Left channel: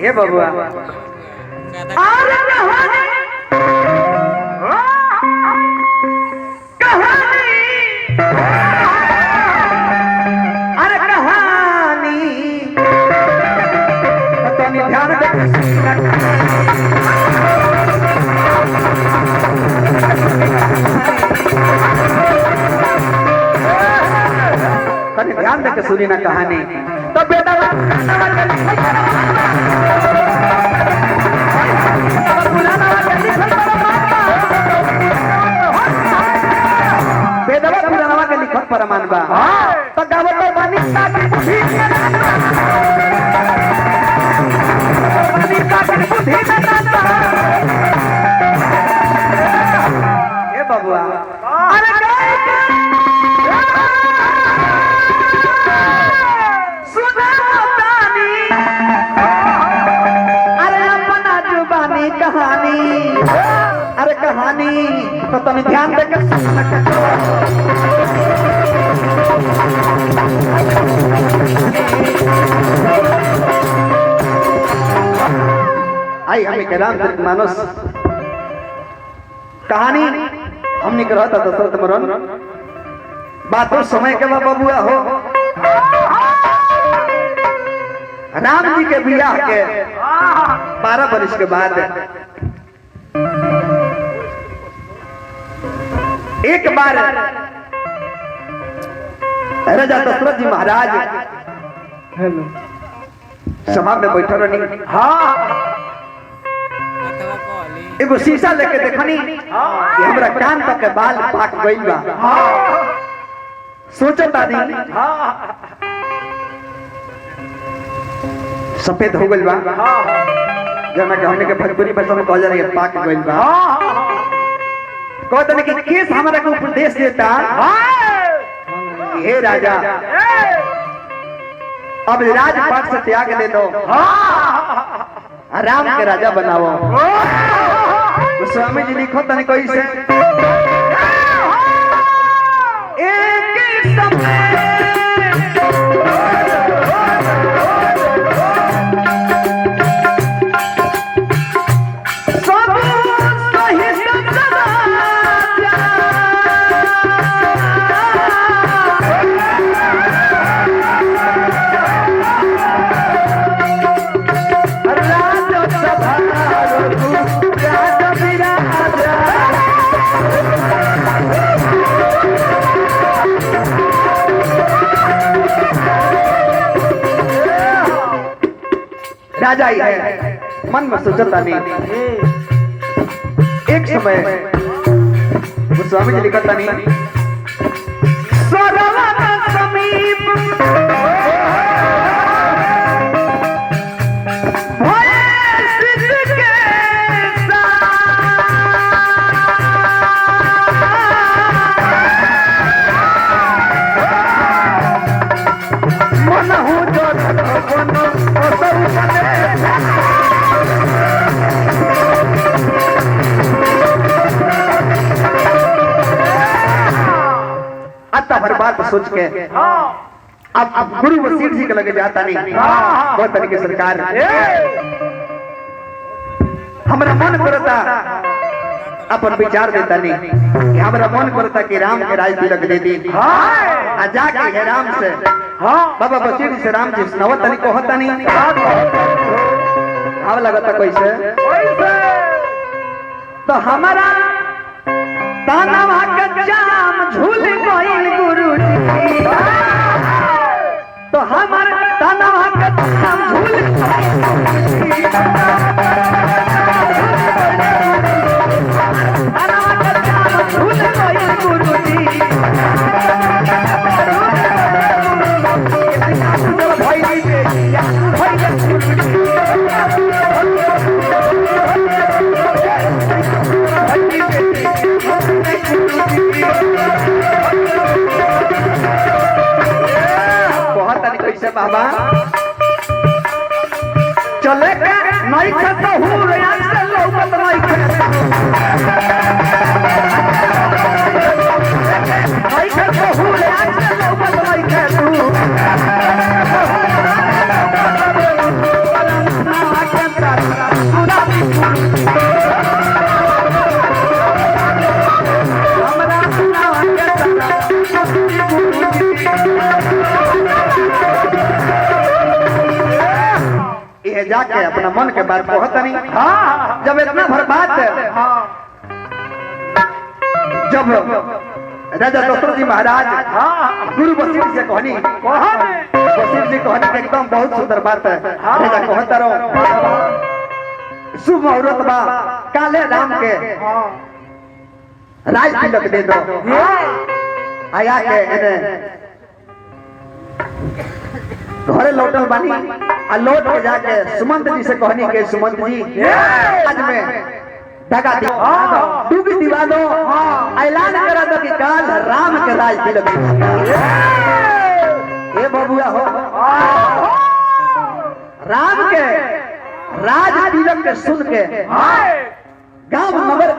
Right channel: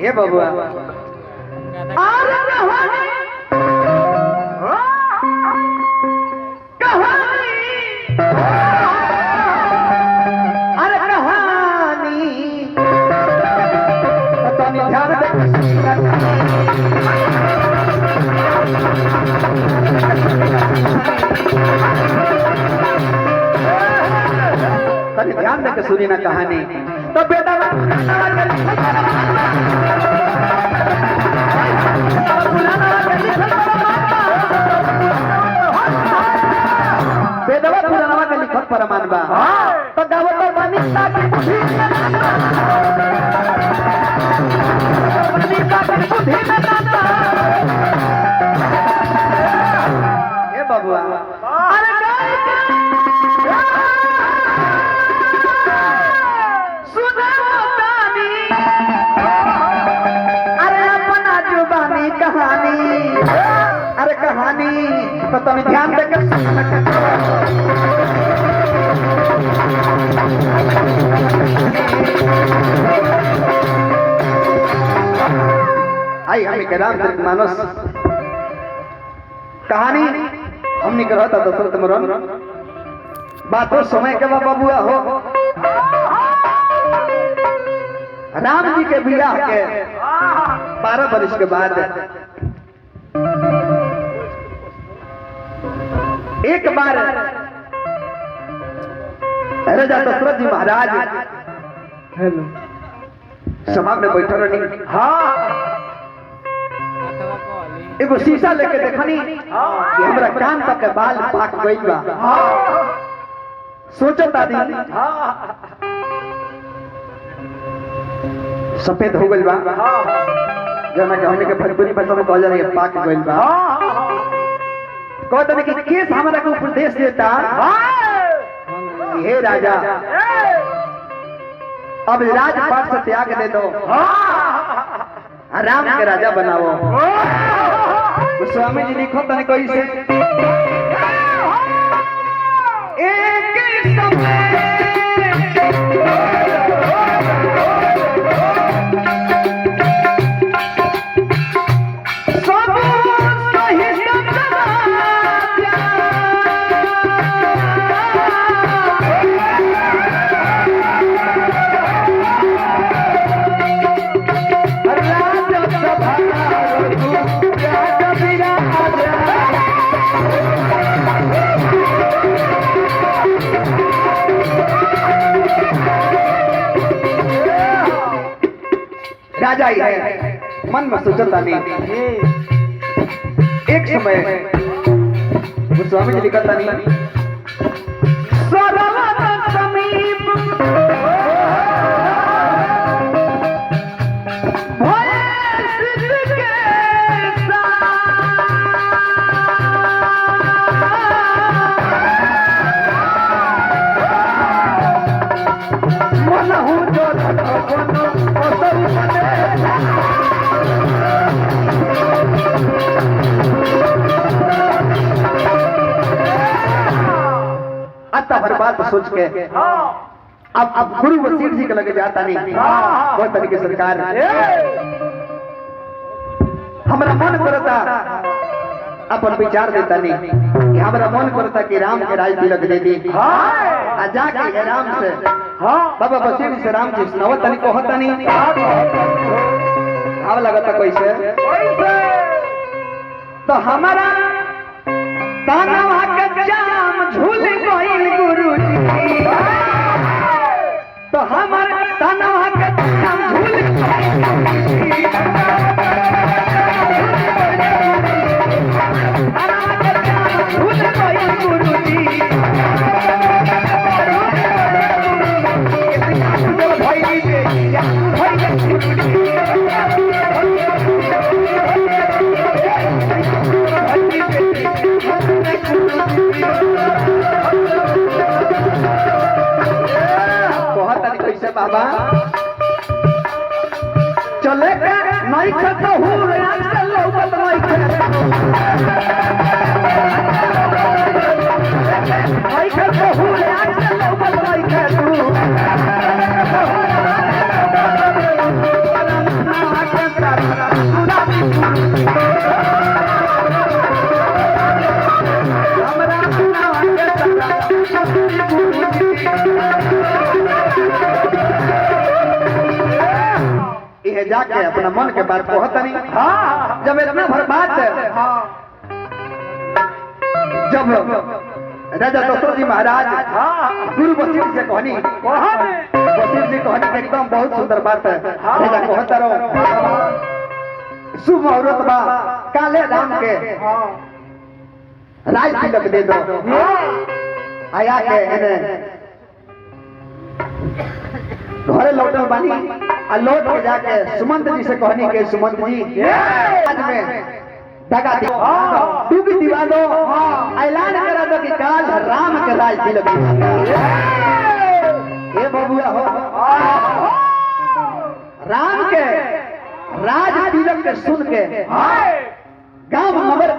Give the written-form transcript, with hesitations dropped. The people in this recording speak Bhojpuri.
ये बबुआ अरे कहानी कहानी अरे कहानी पता नहीं ध्यान तनी ध्यान देके सुनी ना कहानी तो बेटा बेदवा पुरानवा के लिखत प्रमाण बा तो गावत तो बानी साथी बुद्धि बानी साथी बुद्धि में रहता ए बबुआ अरे गाय के सुना तानी अरे अपना जुबानी कहानी अरे कहानी तो तनी ध्यान देके आई हमें के रामचरित मानस कहानी हमने कहा था दशरथ मरण बातों समय के बाद बबुआ हो राम जी के बियाह के 12 वर्ष के बाद एक बार राजा दशरथ जी महाराज सभा में बैठल रही एगो शीशा लेके देखनी कि हमरा कान तक के बाल पाक गइल बा सोचत आदि सफेद हो गइल बा जना कहने के भोजपुरी भाषा में कहल जाला पाक गइल बा कहते कि केस हमरा को उपदेश देता हे राजा अब राजपाट से त्याग दे दो राम के राजा बनाओ तो स्वामी जी लिखो तने कोई से एक ही समय सब सही राजा ही है मन में सोचता नहीं एक समय वो स्वामी जी लिखता नहीं सरवन समीप हर बात सोच के अब गुरु वसीठ जी के लगे जाता नहीं बहुत तरीके सरकार हमारा मन करता अपन विचार देता नहीं कि हमारा मन करता कि राम के राज तिलक दे दी आ जाके है राम से बाबा वसीठ से राम जी सुनावत तनी कहता नहीं आव लगता कैसे तो हमारा तानवा के जाम झूल गइल गुरुजी तो हमर तानवा के जाम झूल गइल गुरुजी तानवा के जाम झूल गइल गुरुजी भाई जी या भाई बाबा चले के नहीं खतो हूं रे आजकल लौकत नहीं खतो नहीं खतो हूं रे आजकल लौकत नहीं खतो है जाके अपना मन के बात कहत नहीं। हाँ जब इतना भर बात हाँ जब राजा दशरथ जी महाराज हाँ गुरु वशिष्ठ से कहनी, कौन वशिष्ठ जी कहनी कि एकदम बहुत सुंदर बात है। राजा कहता रहो शुभ मुहूर्त बा काले राम के राज तिलक दे दो। आया के घरे लौटल बानी आ लौट के जाके सुमंत जी से कहनी के सुमंत जी आज में दगा दी डूबी दिवा दो, ऐलान करा दो कि काल राम के राज तिलक ये बबुआ हो राम के राज तिलक के सुन के गांव नगर